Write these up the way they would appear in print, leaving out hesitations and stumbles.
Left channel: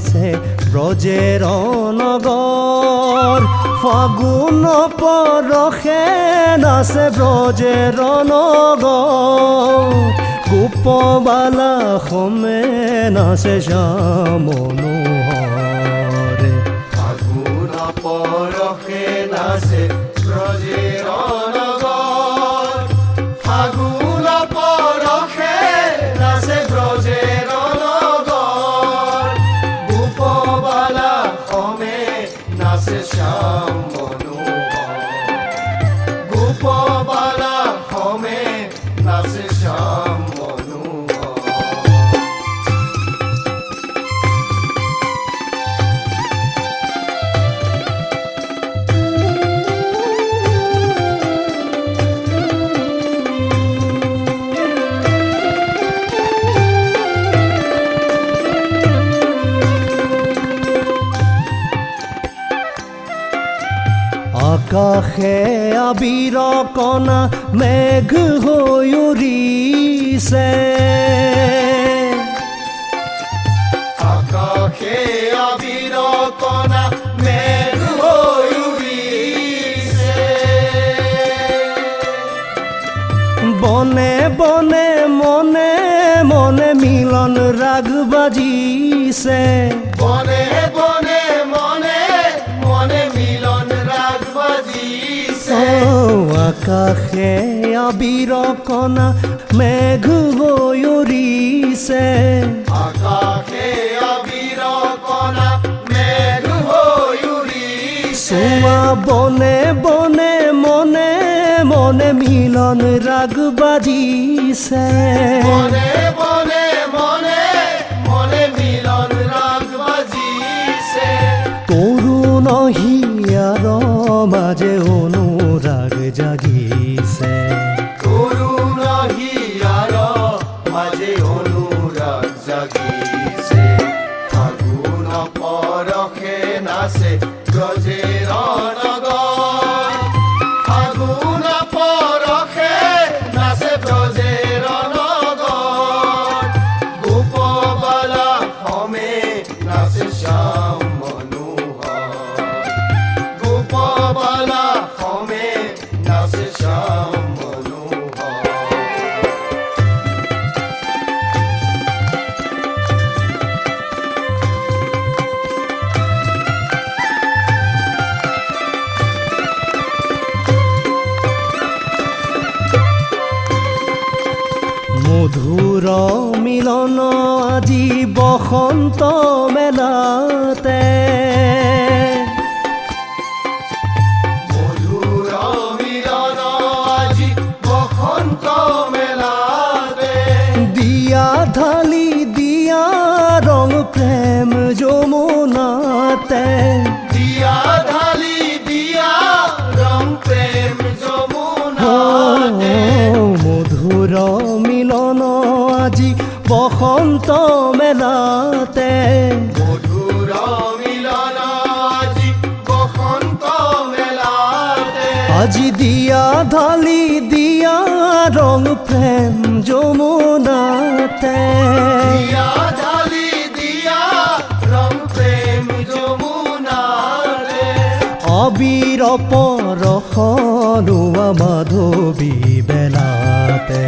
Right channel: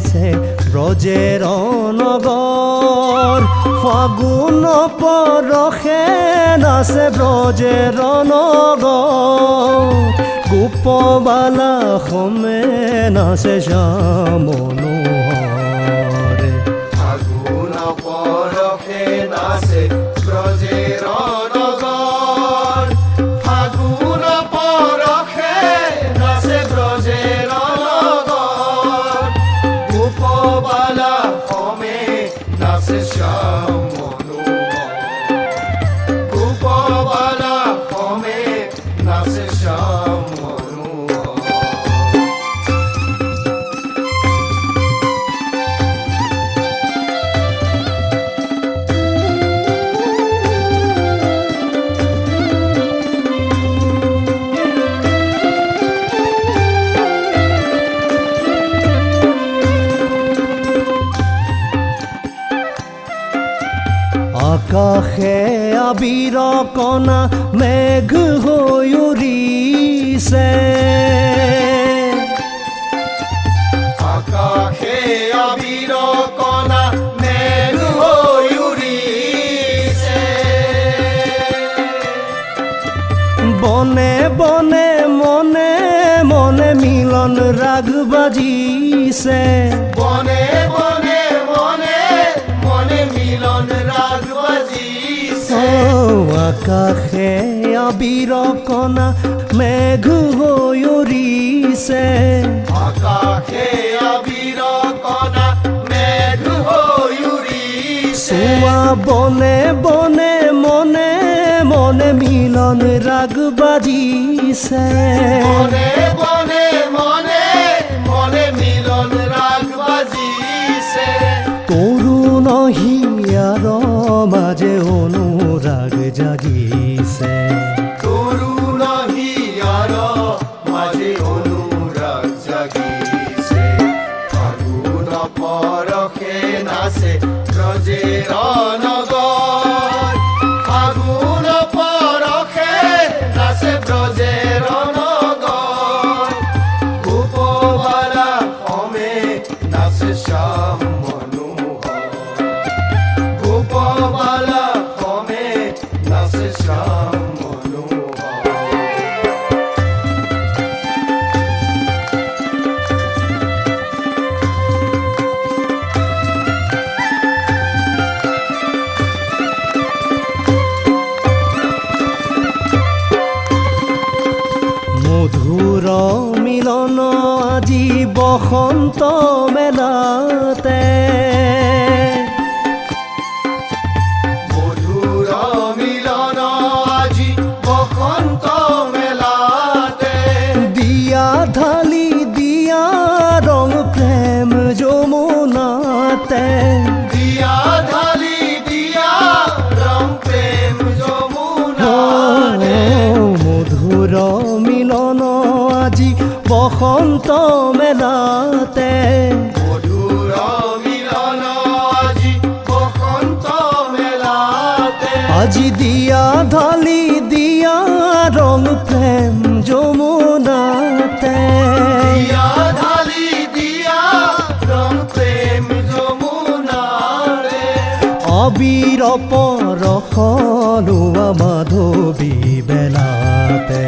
নাচে ব্ৰজেৰ নগৰ ফাগুন পৰশে নাচে ব্ৰজেৰ নগৰ গোপবালা সমে নাচে শ্যাম মনোহৰ ফাগুন পৰশে নাচে ব্ৰজেৰ নগৰ ফাগুন পৰশে নাচে ব্ৰজেৰ নগৰ গোপবালা সমে নাচে শ্যাম মনোহৰ গোপবালা সমে নাচে শ্যাম মনোহৰ আকাশে আবিৰ কণা মেঘ হৈ উৰিছে আকাশে আবিৰ কণা মেঘ হৈ উৰিছে বনে বনে মনে মনে মিলন ৰাগ বাজিছে বনে বনে মনে মনে মিলন ৰাগ বাজিছে আকাশে আবিৰ কণা মেঘ হৈ উৰিছে আকাশে আবিৰ কণা মেঘ হৈ উৰিছে চোৱা বনে বনে মনে মনে মিলন ৰাগ বাজিছে বনে বনে মনে মনে মিলন ৰাগ বাজিছে তৰুণ হিয়াৰ মাজে অনুৰাগ জাগিছে তৰুণ হিয়াৰ মাজে অনুৰাগ জাগিছে ফাগুন পৰশে নাচে ব্ৰজেৰ নগৰ ফাগুন পৰশে নাচে ব্ৰজেৰ নগৰ গোপবালা সমে নাচে শ্যাম মনোহৰ গোপবালা সমে নাচে শ্যাম মনোহৰ মধুৰ মিলন আজি বসন্ত মেলাতে মধুৰ মিলন আজি বসন্ত মেলাতে দিয়া ঢালি দিয়া ৰং প্ৰেম যমুনাতে দিয়া ঢালি দিয়া ৰং প্ৰেম যমুনাতে মধুৰ মিলন আজি বসন্ত মেলাতে মধুৰ মিলন আজি বসন্ত মেলাতে আজি দিয়া ঢালি দিয়া ৰং প্ৰেম যমুনাতে দিয়া ঢালি দিয়া ৰং প্ৰেম যমুনাতে অবিৰ পৰশ লোৱা মাধৱী বেলাতে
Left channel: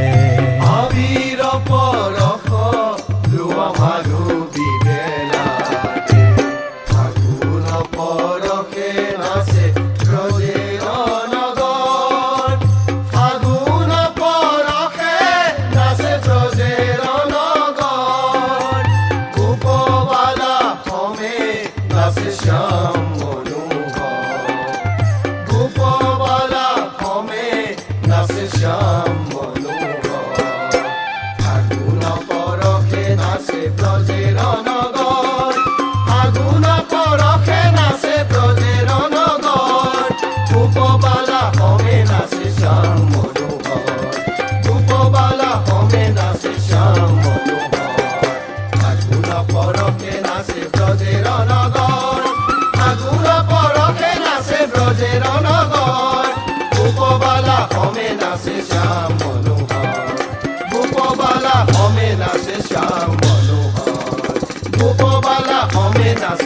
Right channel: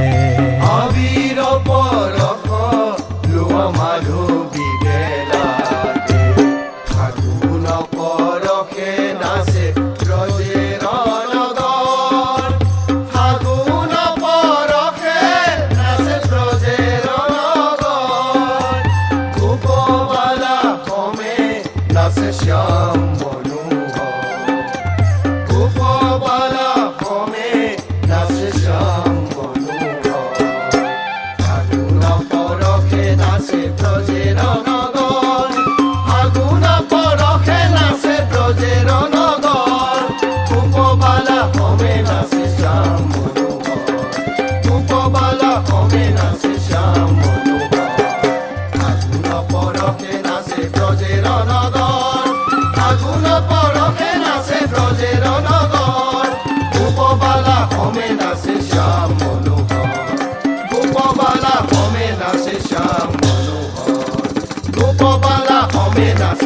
আবিৰ পৰশ লোৱা মাধৱী বেলাতে ফাগুন পৰশে নাচে ব্ৰজেৰ নগৰ ফাগুন পৰশে নাচে ব্ৰজেৰ নগৰ গোপবালা সমে নাচে শ্যাম মনোহৰ গোপবালা সমে নাচে শ্যাম মনোহৰ ফাগুন পৰশে নাচে ব্ৰজেৰ নগৰ ফাগুন পৰশে নাচে ব্ৰজেৰ নগৰ গোপবালা সমে নাচে শ্যাম মনোহৰ গোপবালা সমে নাচে শ্যাম মনোহৰ ফাগুন পৰশে নাচে ব্ৰজেৰ নগৰ ফাগুন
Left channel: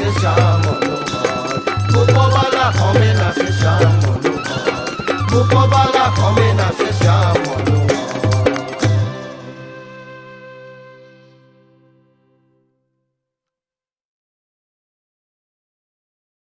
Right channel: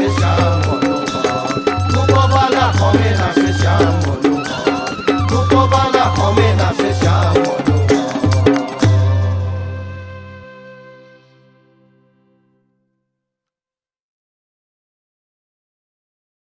নাচে শ্যাম মনোহর উপবালা কমে